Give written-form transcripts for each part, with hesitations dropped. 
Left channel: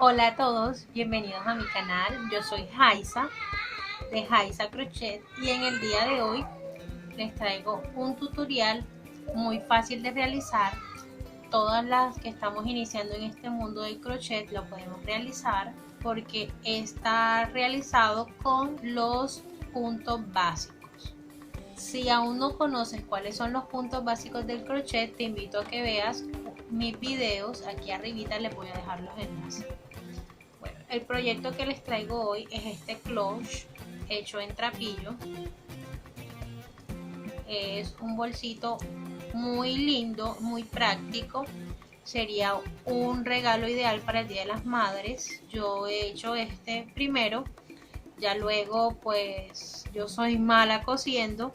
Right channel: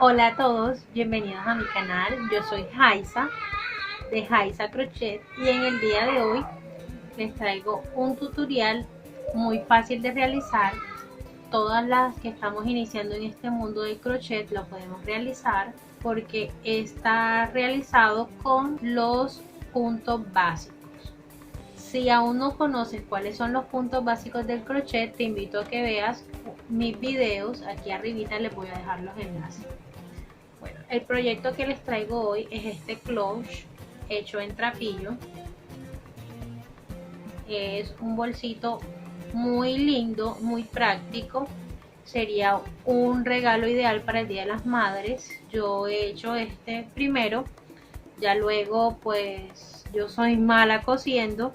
Hola a todos, bienvenidos a mi canal. Yo soy Jaisa de Jaisa Crochet y en el día de hoy les traigo un tutorial muy fácil de realizar. Todas las que estamos iniciando en este mundo del crochet lo podemos realizar porque está realizado con los puntos básicos. Si aún no conoces cuáles son los puntos básicos del crochet, te invito a que veas mis videos. Aquí arribita les voy a dejar los enlaces. Bueno, el proyecto que les traigo hoy es este cloche hecho en trapillo. Es un bolsito muy lindo, muy práctico. Sería un regalo ideal para el Día de las Madres. Yo he hecho este primero, ya luego pues yo soy mala cosiendo.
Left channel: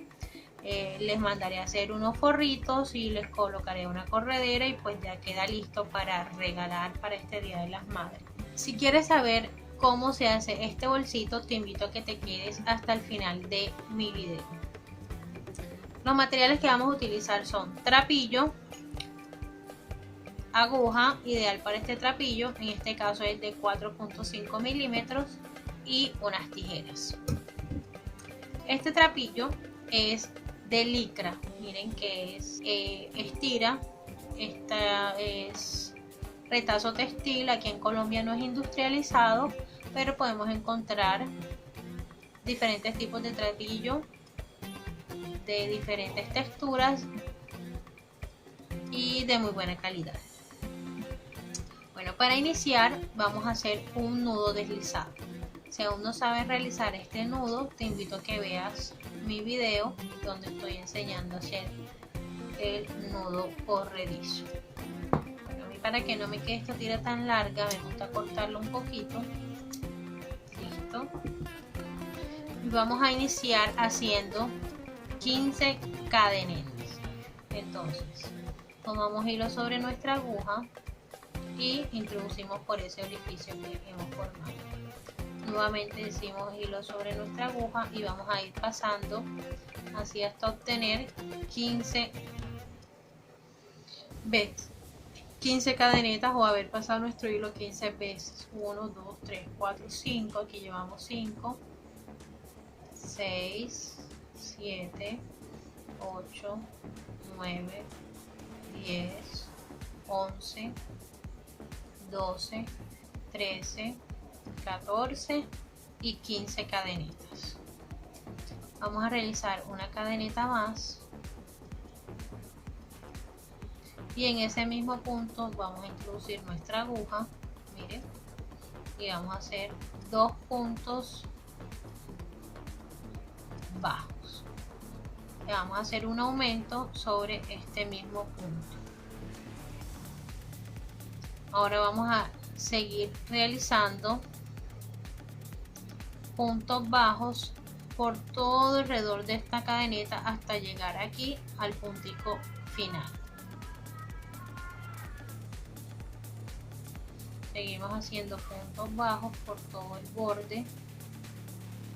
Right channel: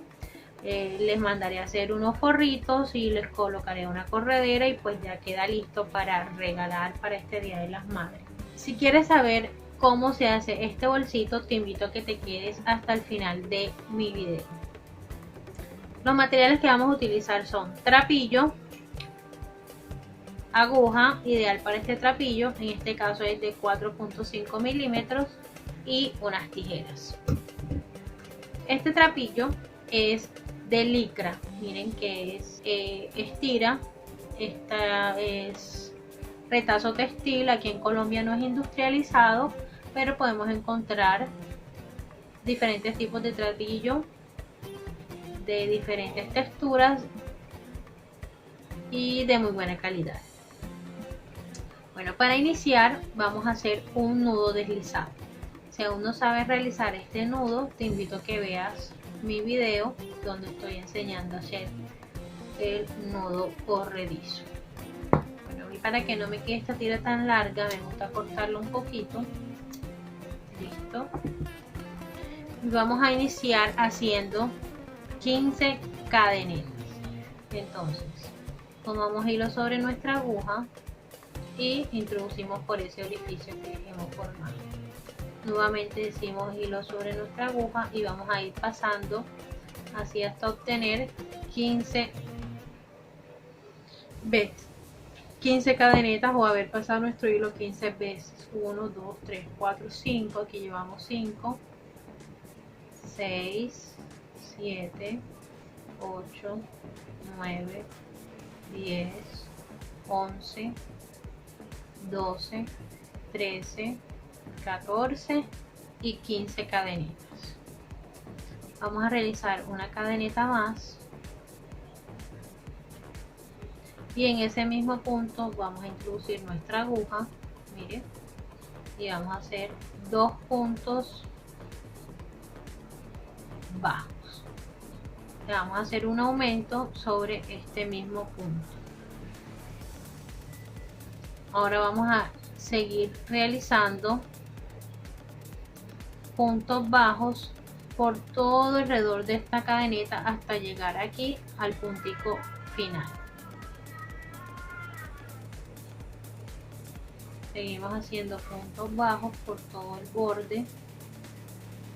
Les mandaré a hacer unos forritos y les colocaré una corredera y pues ya queda listo para regalar para este Día de las Madres. Si quieres saber cómo se hace este bolsito, te invito a que te quedes hasta el final de mi video. Los materiales que vamos a utilizar son trapillo, aguja, ideal para este trapillo, en este caso es de 4.5 milímetros, y unas tijeras. Este trapillo es de licra, miren que es estira, esta es retazo textil. Aquí en Colombia no es industrializado, pero podemos encontrar diferentes tipos de trapillo de diferentes texturas y de muy buena calidad. Bueno, para iniciar vamos a hacer un nudo deslizado. Si aún no sabes realizar este nudo, te invito a que veas mi video donde estoy enseñando a hacer el nudo corredizo. Bueno, y para que no me quede esta tira tan larga, me gusta cortarlo un poquito. Listo. Y vamos a iniciar haciendo 15 cadenetas. Entonces tomamos hilo sobre nuestra aguja y introducimos por ese orificio que hemos formado. Nuevamente decimos hilo sobre nuestra aguja y vamos a ir pasando así hasta obtener 15 veces 15 cadenetas o haber pasado nuestro hilo 15 veces. 1, 2, 3, 4, 5. Aquí llevamos 5, 6, 7, 8, 9, 10, 11, 12, 13, 14 y 15 cadenetas. Vamos a realizar una cadeneta más y en ese mismo punto vamos a introducir nuestra aguja, miren, y vamos a hacer dos puntos bajos. Vamos a hacer un aumento sobre este mismo punto. Ahora vamos a seguir realizando puntos bajos por todo alrededor de esta cadeneta hasta llegar aquí al puntico final. Seguimos haciendo puntos bajos por todo el borde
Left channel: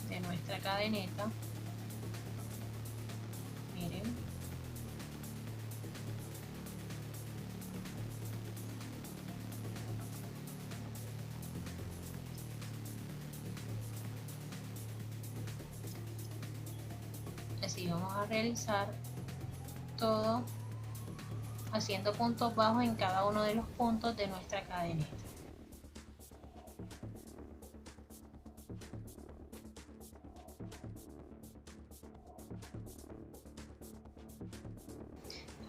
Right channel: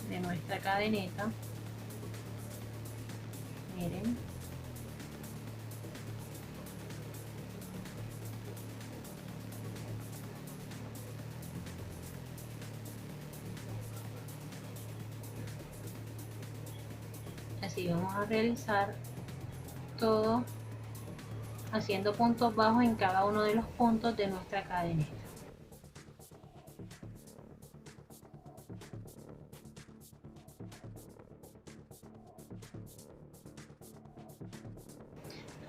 de nuestra cadeneta. Miren. Así vamos a realizar todo haciendo puntos bajos en cada uno de los puntos de nuestra cadeneta.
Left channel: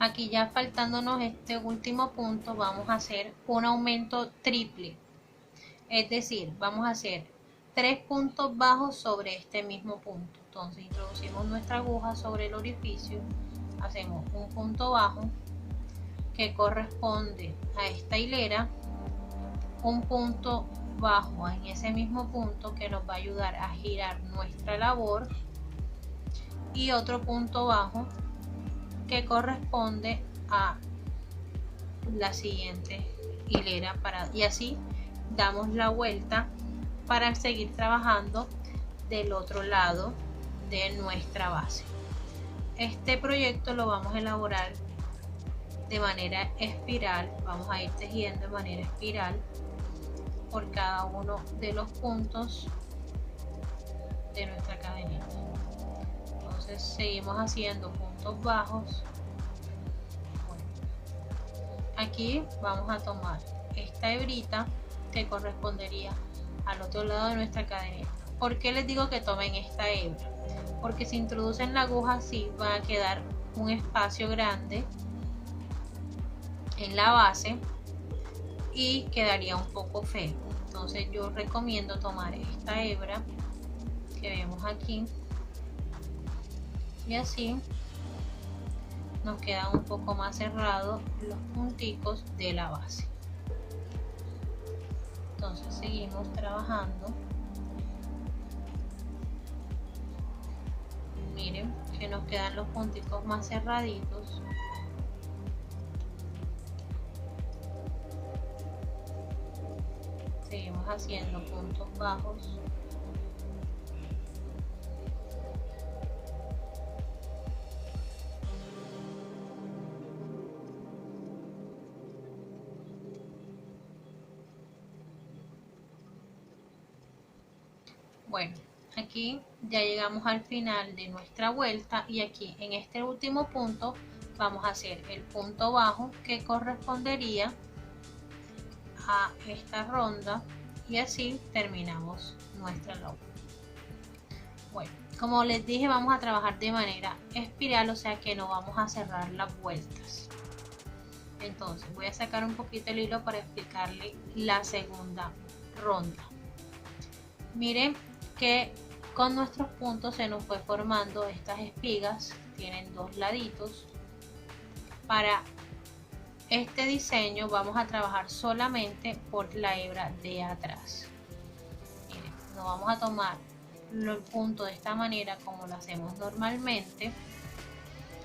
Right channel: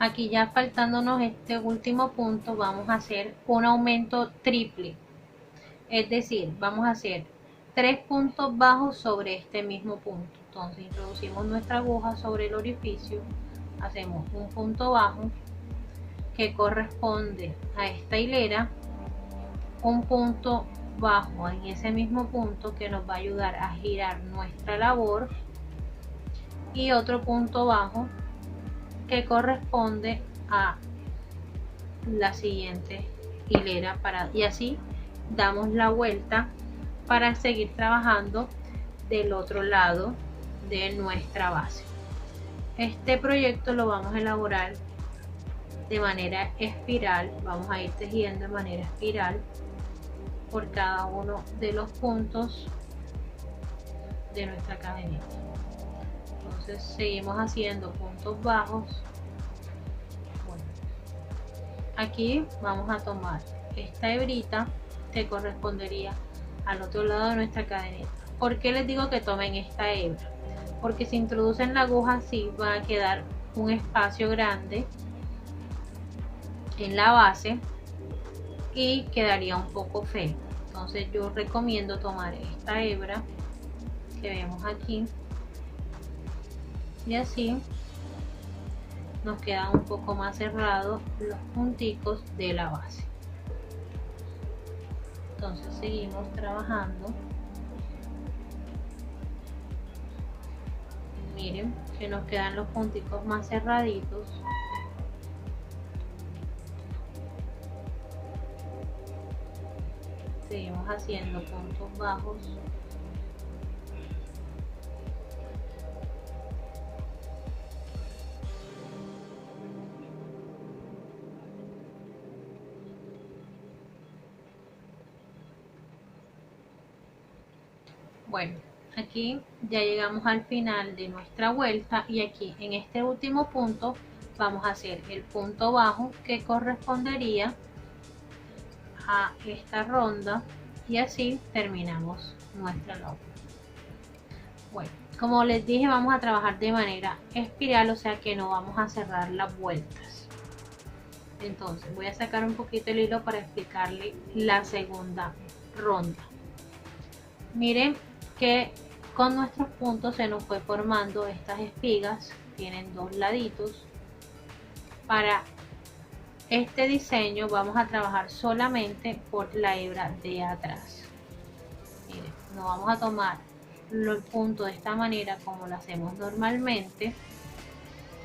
Aquí ya faltándonos este último punto vamos a hacer un aumento triple, es decir, vamos a hacer 3 puntos bajos sobre este mismo punto. Entonces introducimos nuestra aguja sobre el orificio, hacemos un punto bajo que corresponde a esta hilera, un punto bajo en ese mismo punto que nos va a ayudar a girar nuestra labor y otro punto bajo que corresponde a la siguiente hilera y así damos la vuelta para seguir trabajando del otro lado de nuestra base. Este proyecto lo vamos a elaborar de manera espiral, vamos a ir tejiendo de manera espiral por cada uno de los puntos de nuestra cadenita. Entonces seguimos haciendo puntos bajos. Bueno, aquí vamos a tomar esta hebrita que correspondería al otro lado de nuestra cadenita. ¿Por qué les digo que tomen esta hebra? Porque si introducen la aguja así va a quedar un espacio grande en la base y quedaría un poco feo. Entonces yo recomiendo tomar esta hebra que vemos aquí y así nos quedan un poco más cerrados los punticos de la base. Entonces seguimos trabajando. Miren que nos quedan los punticos más cerraditos. Seguimos haciendo puntos bajos. Bueno, aquí ya llegamos al final de nuestra vuelta y aquí en este último punto vamos a hacer el punto bajo que correspondería a esta ronda y así terminamos nuestra labor. Bueno, como les dije, vamos a trabajar de manera espiral, o sea que no vamos a cerrar las vueltas. Entonces voy a sacar un poquito el hilo para explicarle la segunda ronda. Miren que con nuestros puntos se nos fue formando estas espigas, tienen dos laditos. Para este diseño vamos a trabajar solamente por la hebra de atrás. Miren, no vamos a tomar el punto de esta manera como lo hacemos normalmente,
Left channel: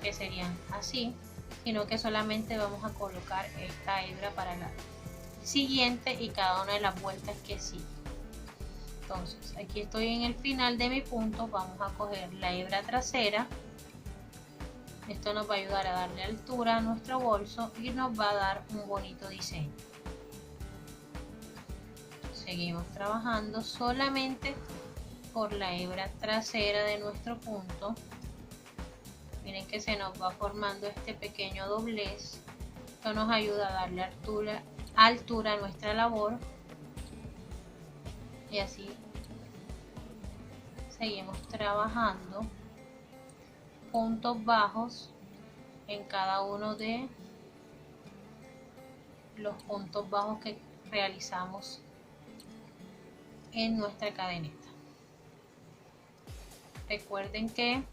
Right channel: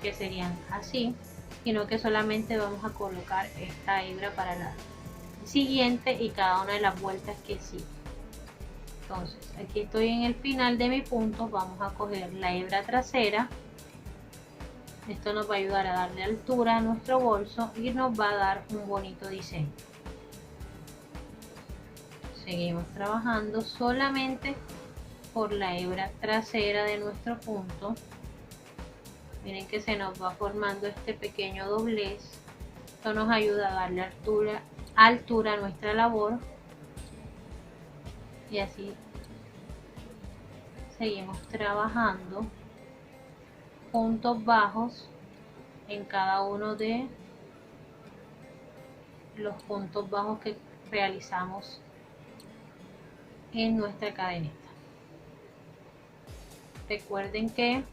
que serían así, sino que solamente vamos a colocar esta hebra para la siguiente y cada una de las vueltas que sigue. Entonces aquí estoy en el final de mi punto, vamos a coger la hebra trasera. Esto nos va a ayudar a darle altura a nuestro bolso y nos va a dar un bonito diseño. Seguimos trabajando solamente por la hebra trasera de nuestro punto. Miren que se nos va formando este pequeño doblez. Esto nos ayuda a darle altura a nuestra labor. Y así seguimos trabajando puntos bajos en cada uno de los puntos bajos que realizamos en nuestra cadenita. Recuerden que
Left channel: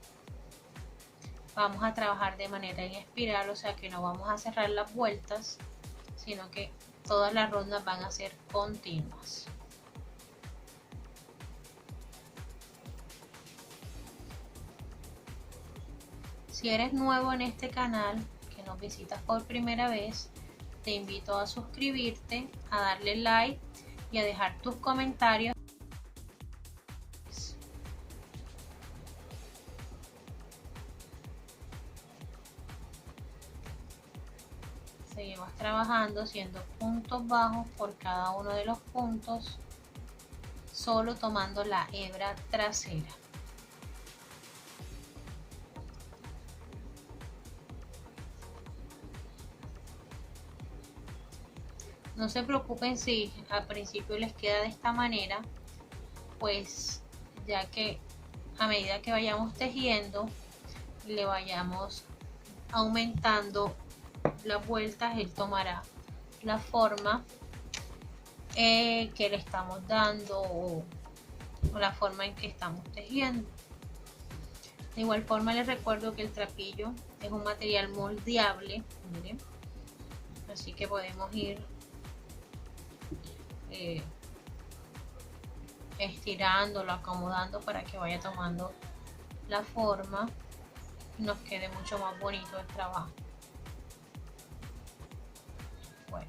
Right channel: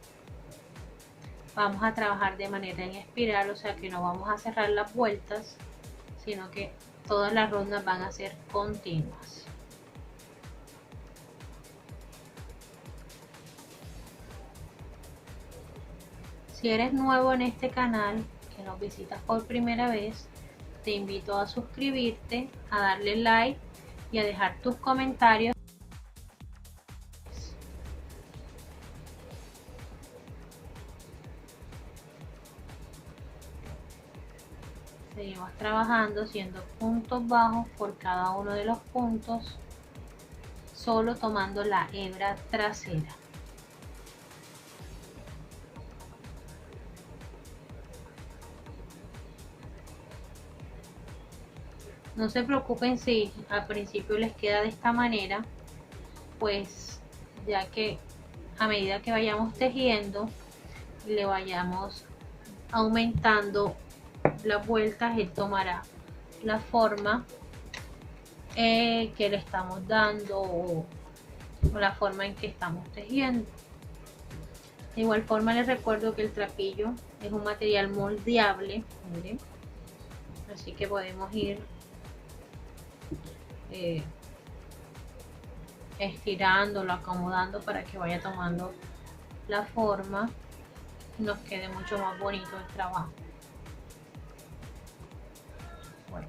vamos a trabajar de manera en espiral, o sea que no vamos a cerrar las vueltas, sino que todas las rondas van a ser continuas. Si eres nuevo en este canal, que nos visitas por primera vez, te invito a suscribirte, a darle like y a dejar tus comentarios. Seguimos trabajando haciendo puntos bajos por cada uno de los puntos, solo tomando la hebra trasera. No se preocupen si al principio les queda de esta manera, pues ya que a medida que vayamos tejiendo le vayamos aumentando las vueltas, él tomará la forma que le estamos dando o la forma en que estamos tejiendo. De igual forma les recuerdo que el trapillo es un material moldeable, miren, así que podemos ir estirándolo, acomodando para que vaya tomando la forma y nos quede mucho más bonito el trabajo. Bueno,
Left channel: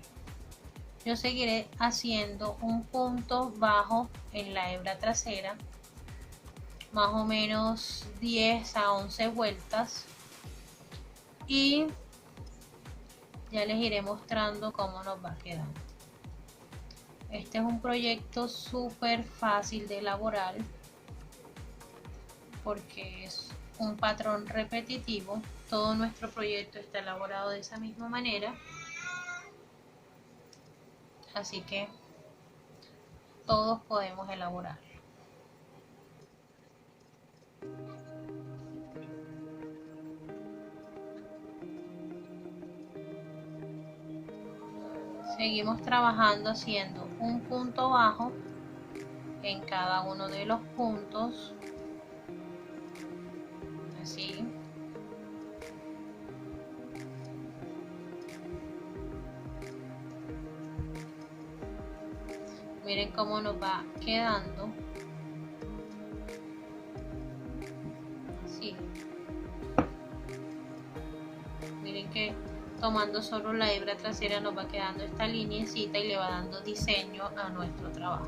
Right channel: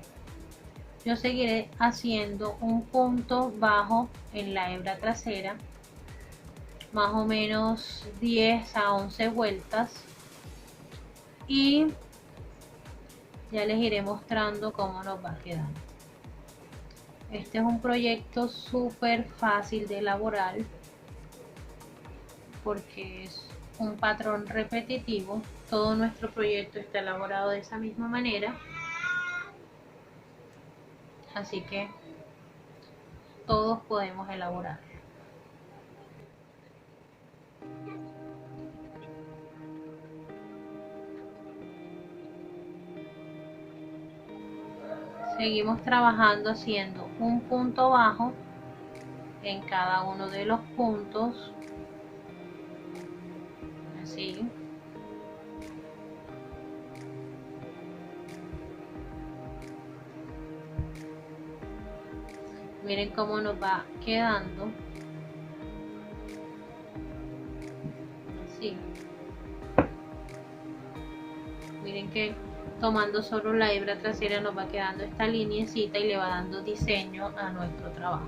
yo seguiré haciendo un punto bajo en la hebra trasera, más o menos 10 a 11 vueltas, y ya les iré mostrando cómo nos va quedando. Este es un proyecto súper fácil de elaborar porque es un patrón repetitivo. Todo nuestro proyecto está elaborado de esa misma manera, así que todos podemos elaborar. Seguimos trabajando haciendo un punto bajo en cada uno de los puntos, así. Miren cómo nos va quedando. Así. Miren que tomando solo la hebra trasera nos va quedando esta lineecita y le va dando diseño a nuestro trabajo.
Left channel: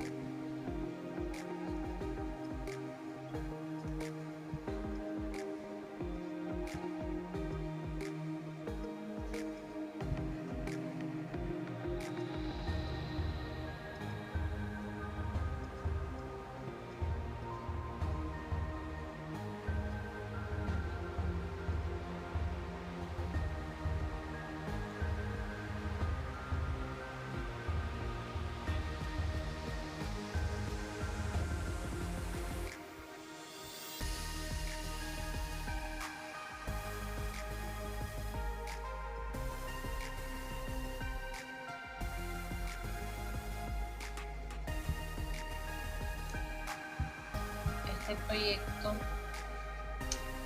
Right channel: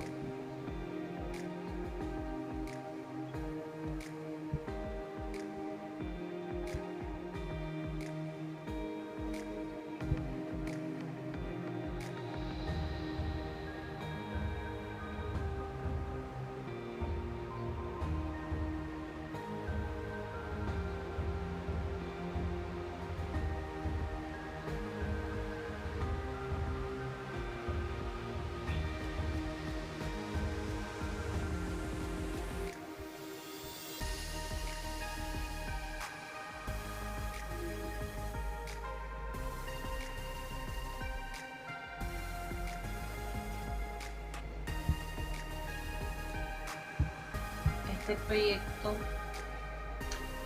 Este proyecto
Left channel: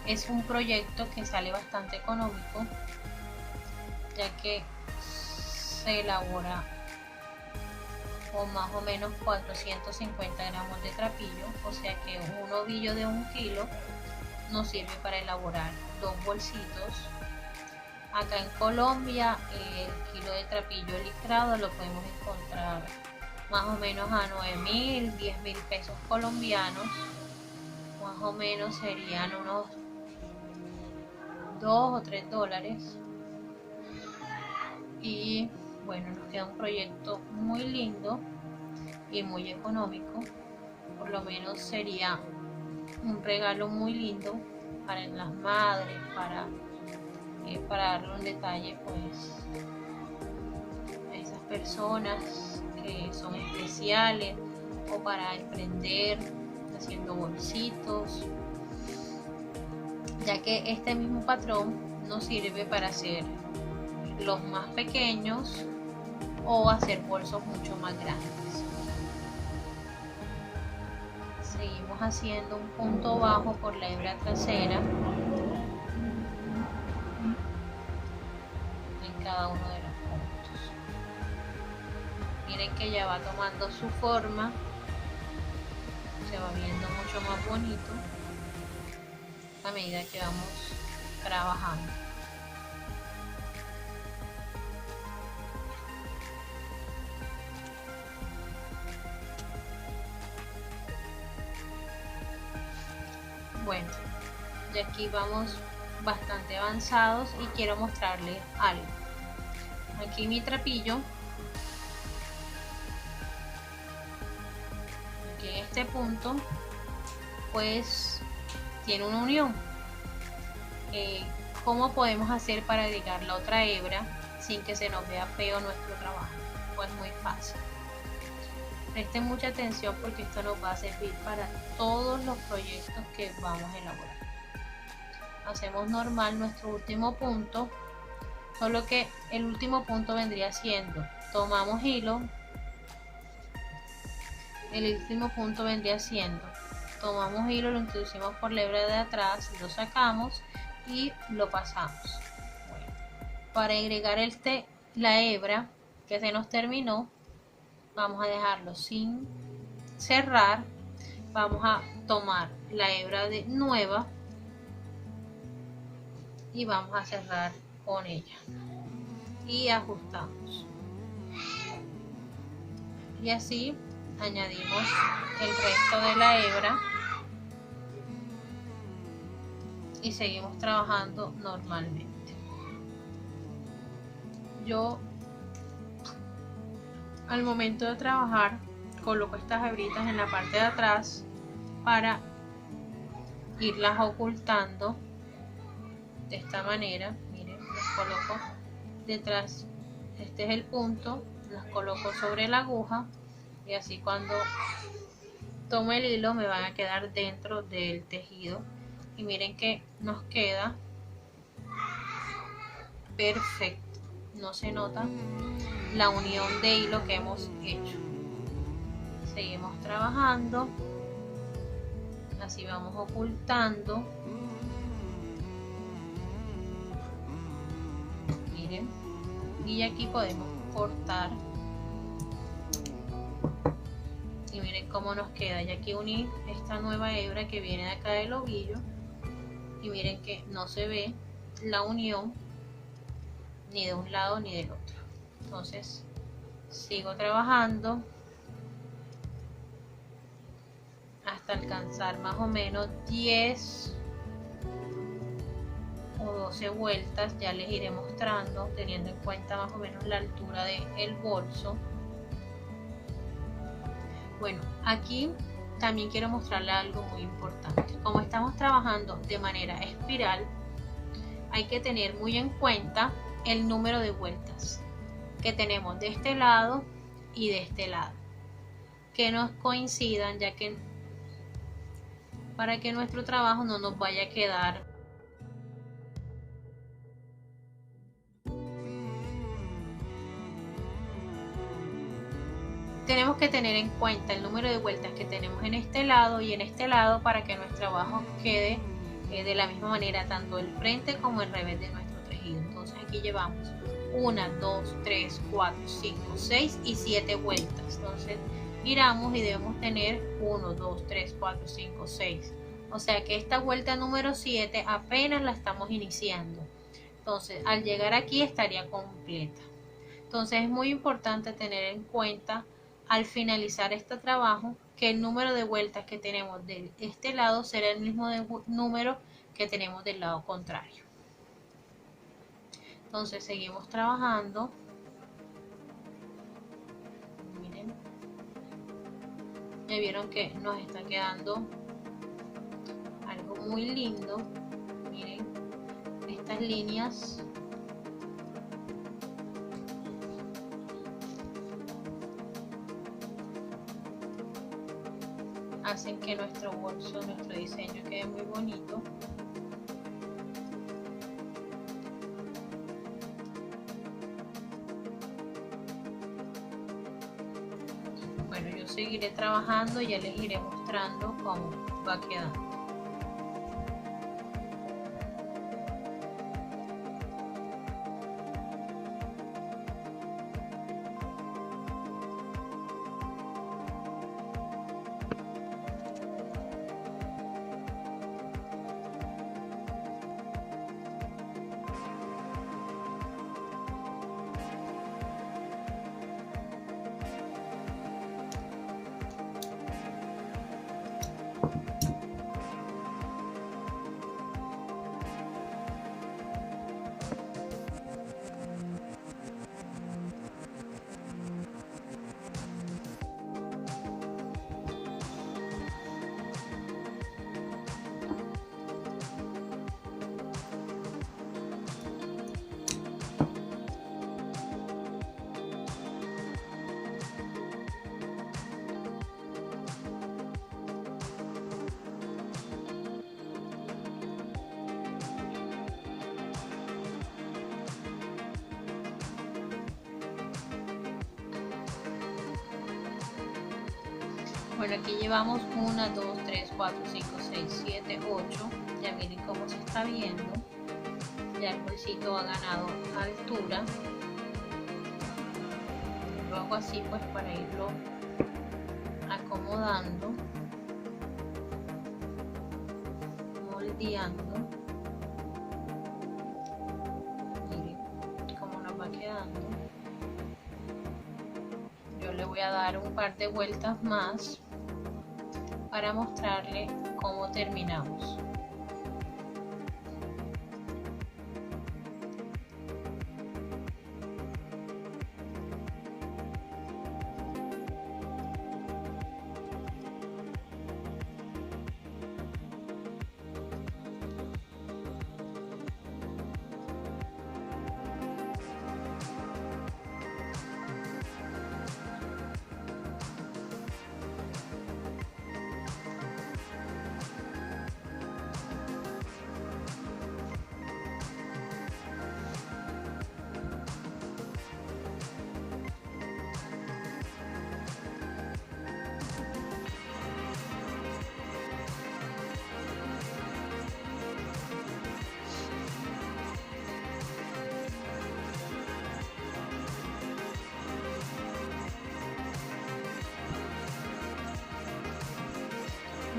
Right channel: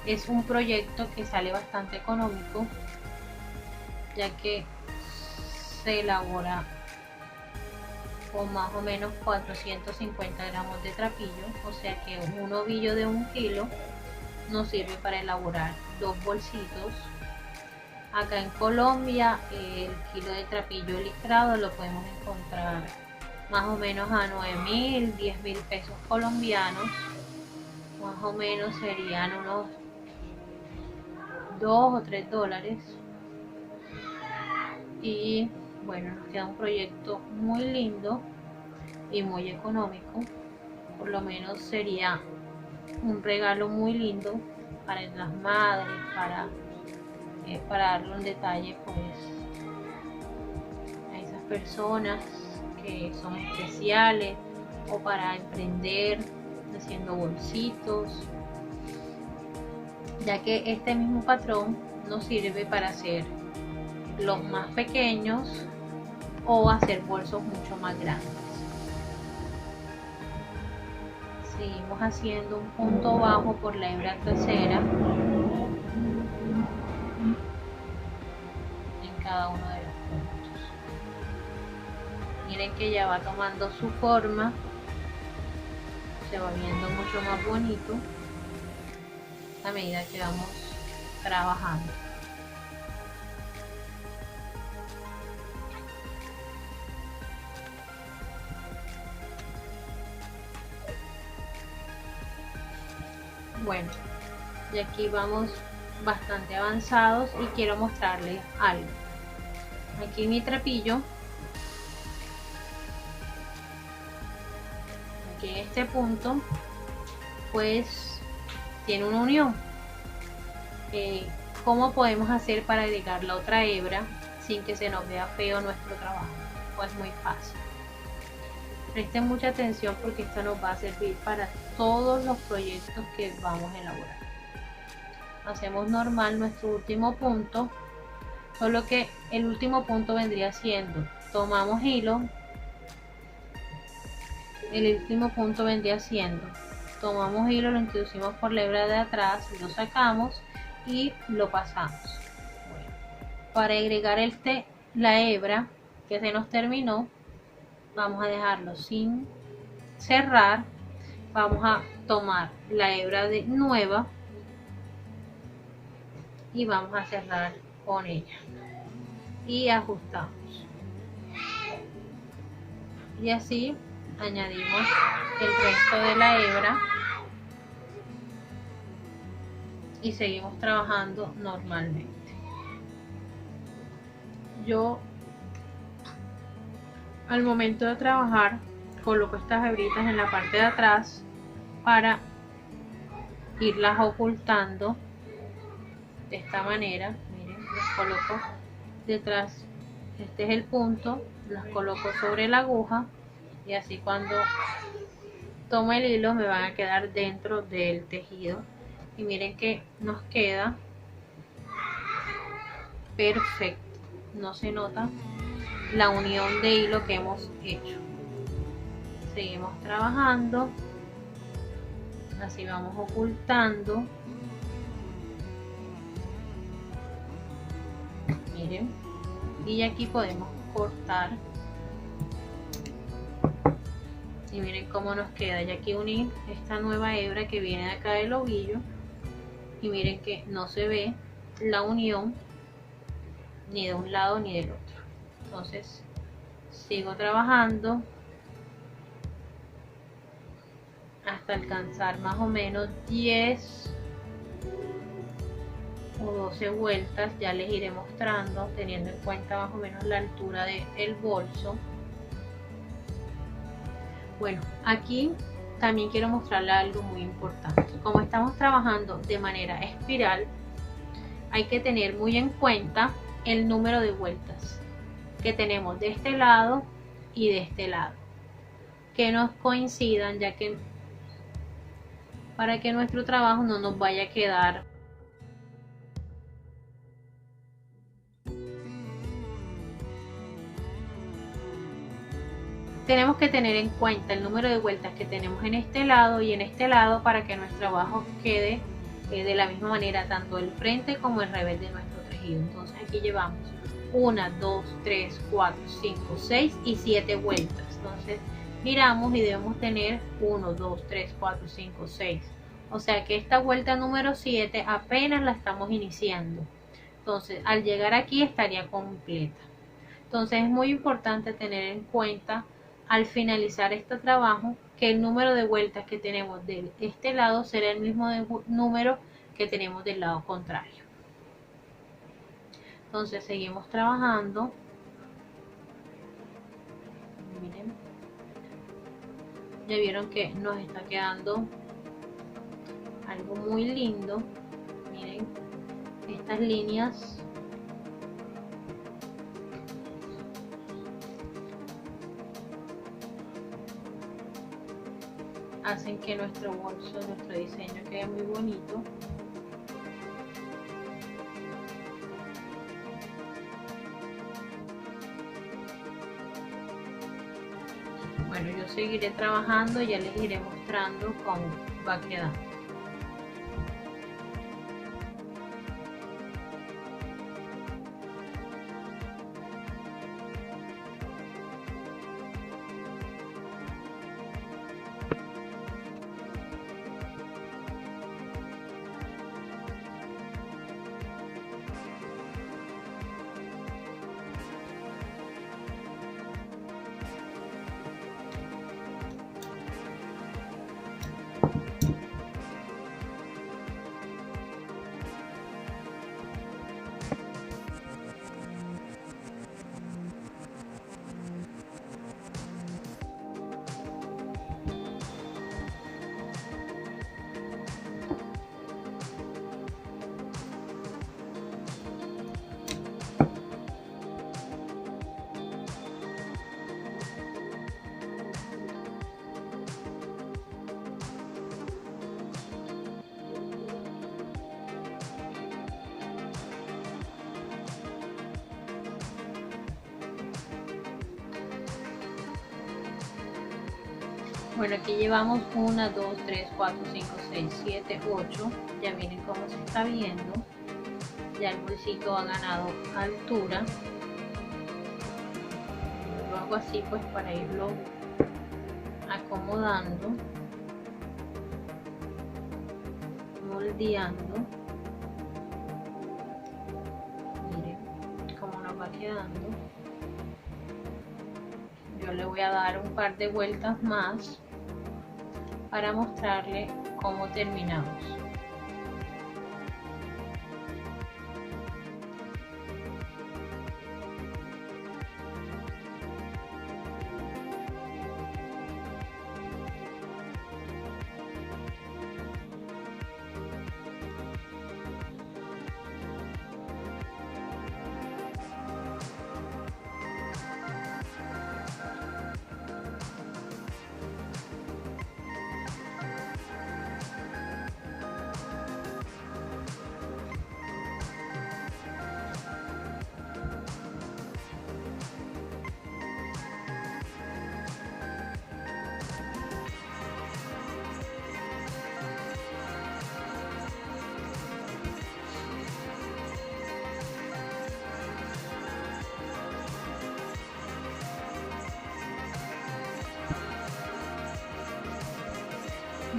es un proyecto que sale bastante económico, ya que se elabora con más o menos 450 gramos de trapillo, o sea que un ovillo de 1 kilo nos sirve para elaborar 2 bolsitos. Acá en Colombia el kilo de trapillo listrado lo podemos encontrar más o menos a 9.000, 10.000 pesos colombianos. Más o menos serían unos 2 o 3 dólares. Y bueno, nos queda un proyecto muy lindo y muy económico. Por lo menos sería un regalo muy lindo para las madres, para darle un detalle pues a esas personas que son especiales, o para emprender haciendo bolsitos, ya que este mismo patrón nos sirve para hacer los más pequeños o hacer bolsos mucho más grandes. Seguimos haciendo un punto bajo por la hebra trasera en cada uno de los puntos. Miren que ya va tomando su forma, se va viendo mucho más bonito a medida que vamos trabajando. Bueno, y aquí vamos bastante avanzados y quiero mostrarles algo. Aquí mi trapillo, aquí en este punto, pues tiene una unión. ¿Cómo podemos hacer para agregar la otra hebra sin que se nos vea feo nuestro trabajo? Pues muy fácil. Presten mucha atención porque esto nos va a servir para todos los proyectos que vamos a elaborar. Hacemos normal nuestro último punto, solo que el último punto vendría siendo, tomamos hilo, el último punto vendría siendo, tomamos hilo, lo introducimos por la hebra de atrás, lo sacamos y lo pasamos. Bueno, para agregar la hebra que se nos terminó, vamos a dejarlo sin cerrar, vamos a tomar la hebra nueva y vamos a cerrar con ella y ajustamos, y así añadimos el resto de la hebra y seguimos trabajando normalmente. Yo Al momento de trabajar, coloco estas hebritas en la parte de atrás para irlas ocultando de esta manera. Miren, las coloco detrás, este es el punto, las coloco sobre la aguja y así cuando tomo el hilo me van a quedar dentro del tejido y miren que nos queda perfecto, no se nota la unión de hilo que hemos hecho. Seguimos trabajando, así vamos ocultando. Miren, y aquí podemos cortar y miren cómo nos queda. Y aquí uní esta nueva hebra que viene de acá del ovillo y miren que no se ve la unión ni de un lado ni del otro. Entonces sigo trabajando hasta alcanzar más o menos 10 o 12 vueltas. Ya les iré mostrando teniendo en cuenta más o menos la altura del bolso. Bueno, aquí también quiero mostrarles algo muy importante. Como estamos trabajando de manera espiral, hay que tener muy en cuenta el número de vueltas que tenemos de este lado y de este lado, que nos coincidan, ya que para que nuestro trabajo no nos vaya a quedar tenemos que tener en cuenta el número de vueltas que tenemos en este lado y en este lado para que nuestro trabajo quede de la misma manera, tanto el frente como el revés de nuestro tejido. Entonces aquí llevamos 1, 2, 3, 4, 5, 6 y 7 vueltas. Entonces giramos y debemos tener 1, 2, 3, 4, 5, 6. O sea que esta vuelta número 7 apenas la estamos iniciando. Entonces al llegar aquí estaría completa. Entonces es muy importante tener en cuenta al finalizar este trabajo que el número de vueltas que tenemos de este lado será el mismo número que tenemos del lado contrario. Entonces seguimos trabajando. Miren, ya vieron que nos está quedando algo muy lindo. Miren estas líneas hacen que nuestro bolso, nuestro diseño quede muy bonito. Bueno, yo seguiré trabajando y ya les iré mostrando cómo va quedando. Bueno, aquí llevamos 1, 2, 3, 4, 5, 6, 7, 8. Ya miren cómo se está viendo. Ya el bolsito ha ganado altura. Lo hago así pues para irlo acomodando, moldeando. Miren cómo nos va quedando. Yo le voy a dar un par de vueltas más para mostrarle cómo terminamos.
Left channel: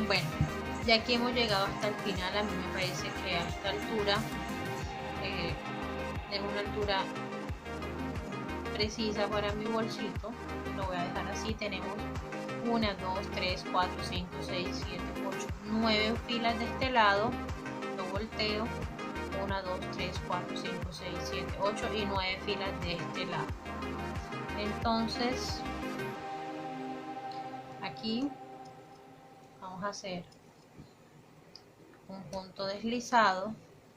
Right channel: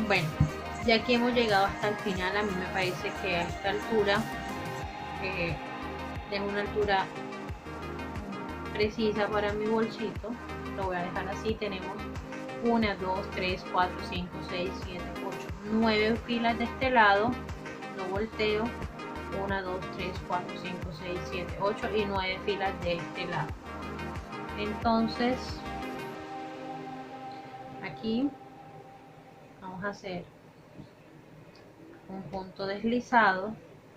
Bueno, ya aquí hemos llegado hasta el final. A mí me parece que a esta altura es una altura precisa para mi bolsito. Lo voy a dejar así. Tenemos 1, 2, 3, 4, 5, 6, 7, 8, 9 filas de este lado. Lo volteo. 1, 2, 3, 4, 5, 6, 7, 8 y 9 filas de este lado. Entonces aquí vamos a hacer un punto deslizado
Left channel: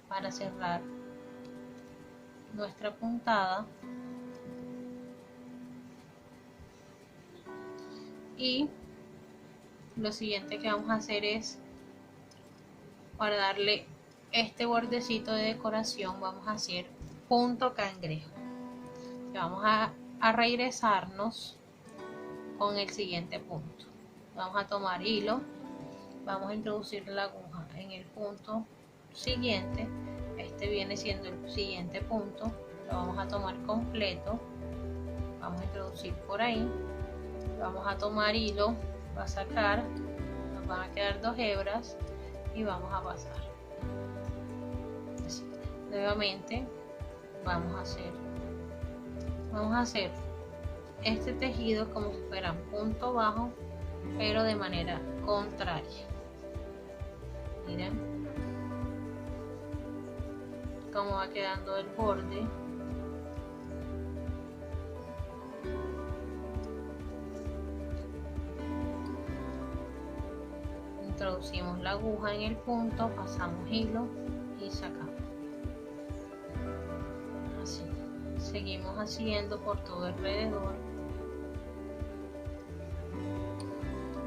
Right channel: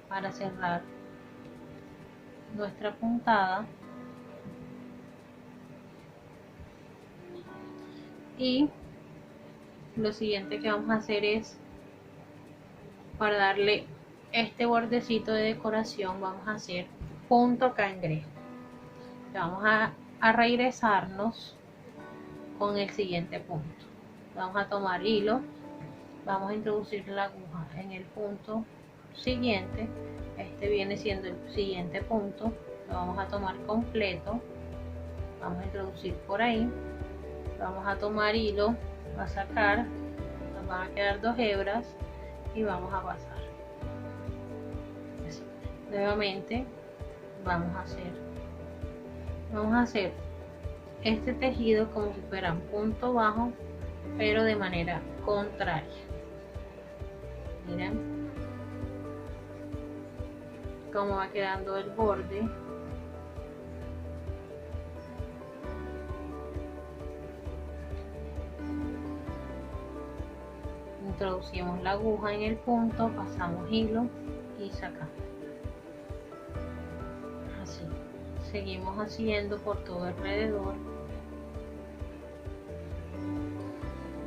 para cerrar nuestra puntada, y lo siguiente que vamos a hacer es, para darle este bordecito de decoración, vamos a hacer punto cangrejo. Vamos a regresarnos con el siguiente punto. Vamos a tomar hilo, vamos a introducir la aguja en el punto siguiente. Este viene siendo el siguiente punto. Lo vamos a tomar completo, vamos a introducir por ahí, vamos a tomar hilo, va a sacar, nos van a quedar 2 hebras y vamos a pasar así. Nuevamente vamos a hacer este tejido como si fuera un punto bajo, pero de manera contraria. Miren cómo va quedando el borde. Introducimos la aguja en el punto, pasamos hilo y sacamos. Así. Seguimos haciendo por todo alrededor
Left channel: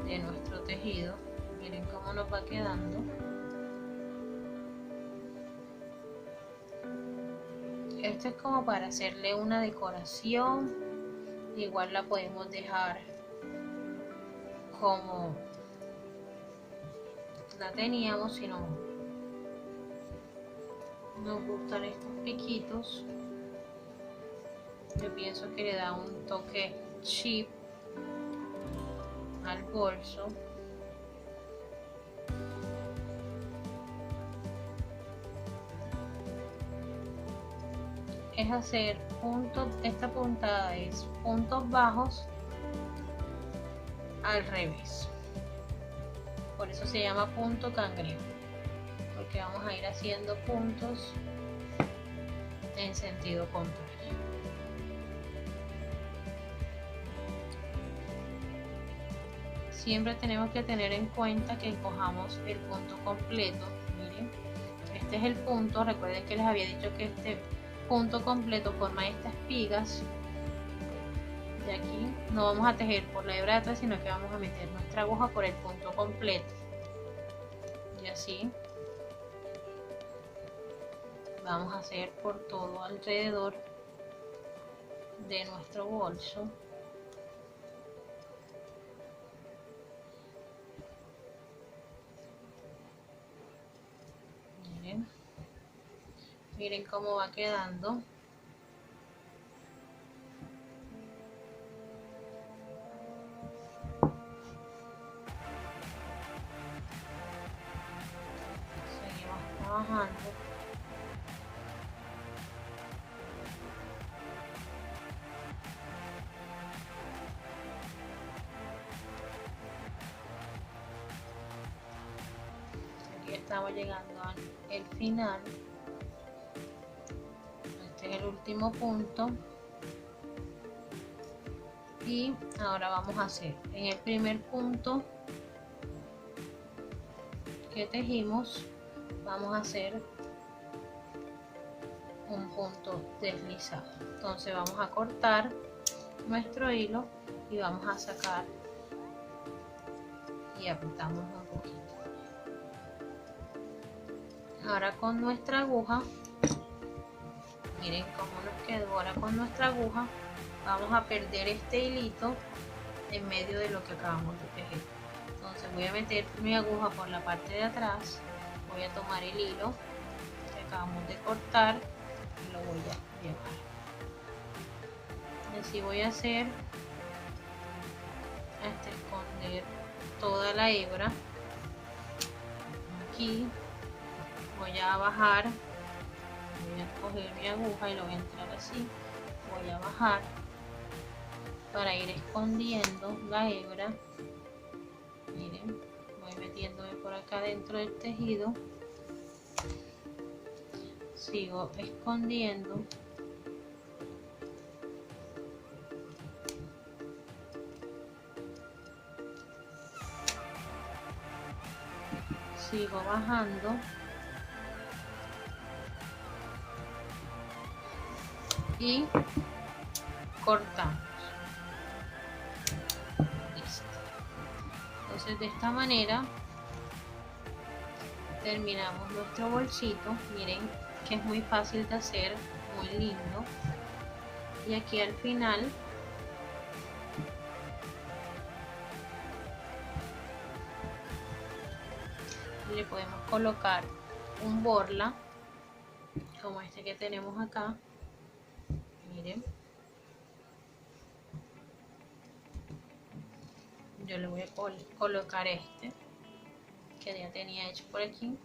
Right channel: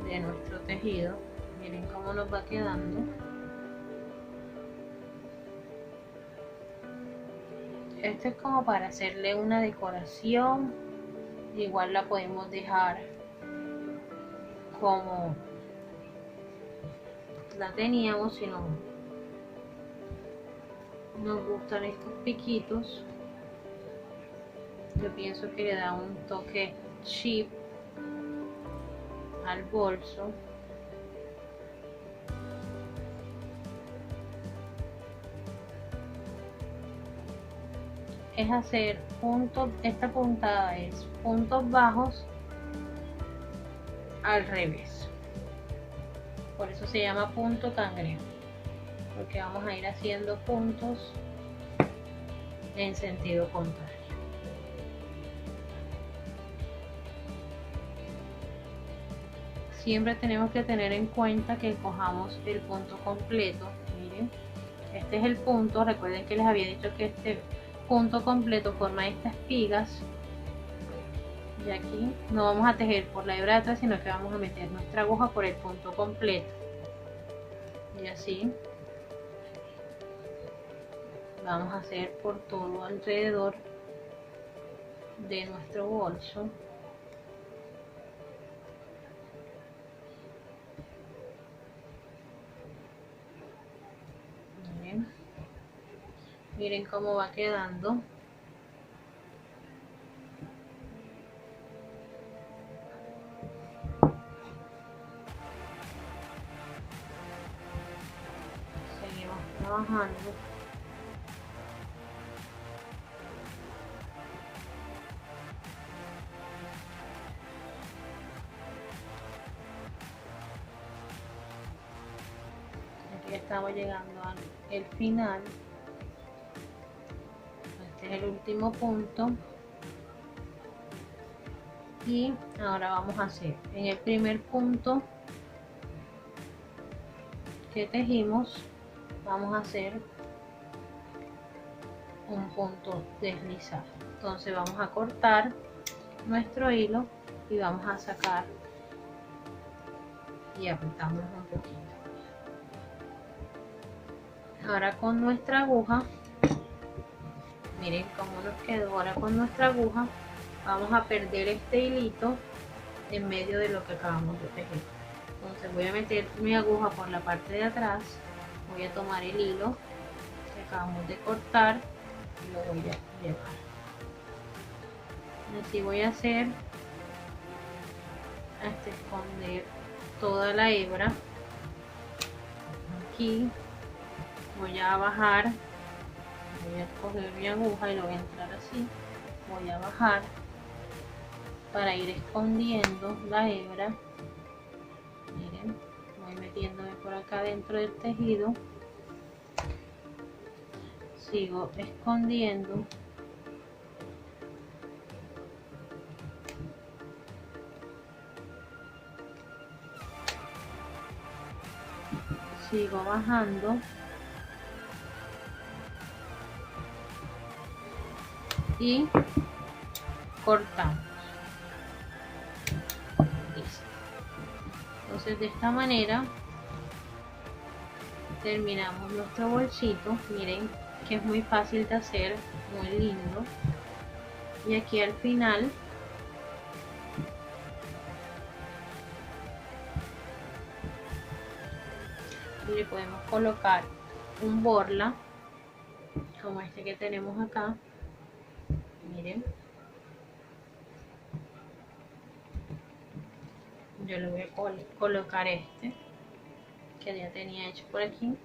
de nuestro tejido. Miren cómo nos va quedando. Esto es como para hacerle una decoración. Igual la podemos dejar como la teníamos, si no nos gustan estos piquitos. Yo pienso que le da un toque chic al bolso. Es hacer puntos, esta puntada es puntos bajos al revés. Por eso se llama punto cangrejo, porque vamos a ir haciendo puntos en sentido contrario. Siempre tenemos que tener en cuenta que cojamos el punto completo. Miren, este es el punto. Recuerden que les había dicho que este punto completo forma estas espigas, y aquí no vamos a tejer por la hebra de atrás, sino que vamos a meter nuestra aguja por el punto completo, y así vamos a hacer por todo alrededor de nuestro bolso. Miren cómo va quedando. Seguimos trabajando. Aquí estamos llegando al final. El último punto, y ahora vamos a hacer en el primer punto que tejimos, vamos a hacer un punto deslizado. Entonces vamos a cortar nuestro hilo y vamos a sacar y apretamos un poquito. Ahora con nuestra aguja, miren cómo nos quedó. Ahora con nuestra aguja vamos a perder este hilito en medio de lo que acabamos de tejer. Entonces voy a meter mi aguja por la parte de atrás, voy a tomar el hilo que acabamos de cortar y lo voy a llevar. Y así voy a hacer hasta esconder toda la hebra. aquí voy a bajar, voy a coger mi aguja y lo voy a entrar así, voy a bajar para ir escondiendo la hebra. Miren, voy metiéndome por acá dentro del tejido, sigo escondiendo, sigo bajando y cortamos. Listo. Entonces de esta manera terminamos nuestro bolsito. Miren que es muy fácil de hacer, muy lindo. Y aquí al final le podemos colocar un borla como este que tenemos acá. Miren, yo le voy a colocar este que ya tenía hecho por aquí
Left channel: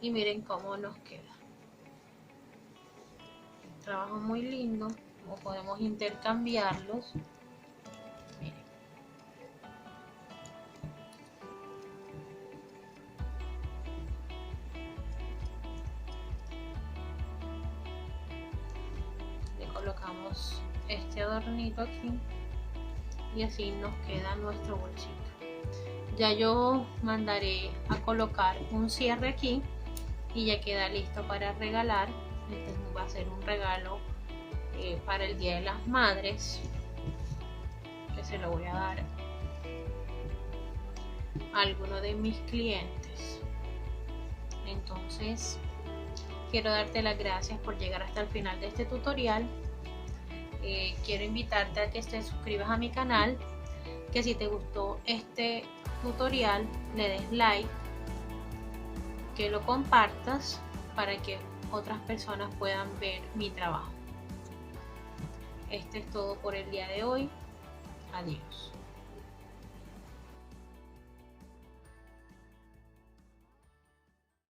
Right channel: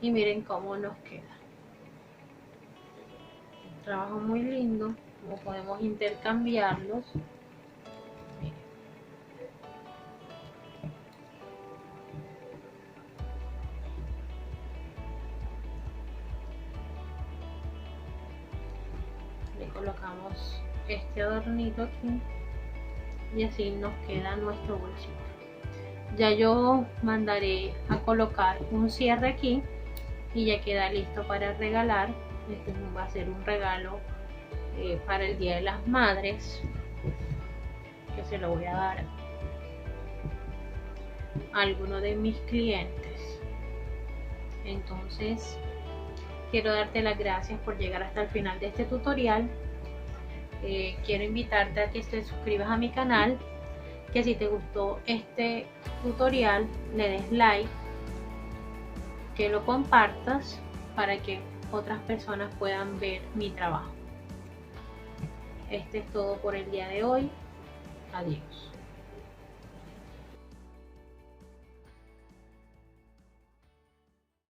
y miren cómo nos queda. Un trabajo muy lindo, como podemos intercambiarlos. Miren. Le colocamos este adornito aquí y así nos queda nuestro bolsito. Ya yo mandaré a colocar un cierre aquí y ya queda listo para regalar. Este va a ser un regalo para el Día de las Madres, que se lo voy a dar a alguno de mis clientes. Entonces quiero darte las gracias por llegar hasta el final de este tutorial. Quiero invitarte a que te suscribas a mi canal, que si te gustó este tutorial le des like, que lo compartas para que otras personas puedan ver mi trabajo. Este es todo por el día de hoy. Adiós.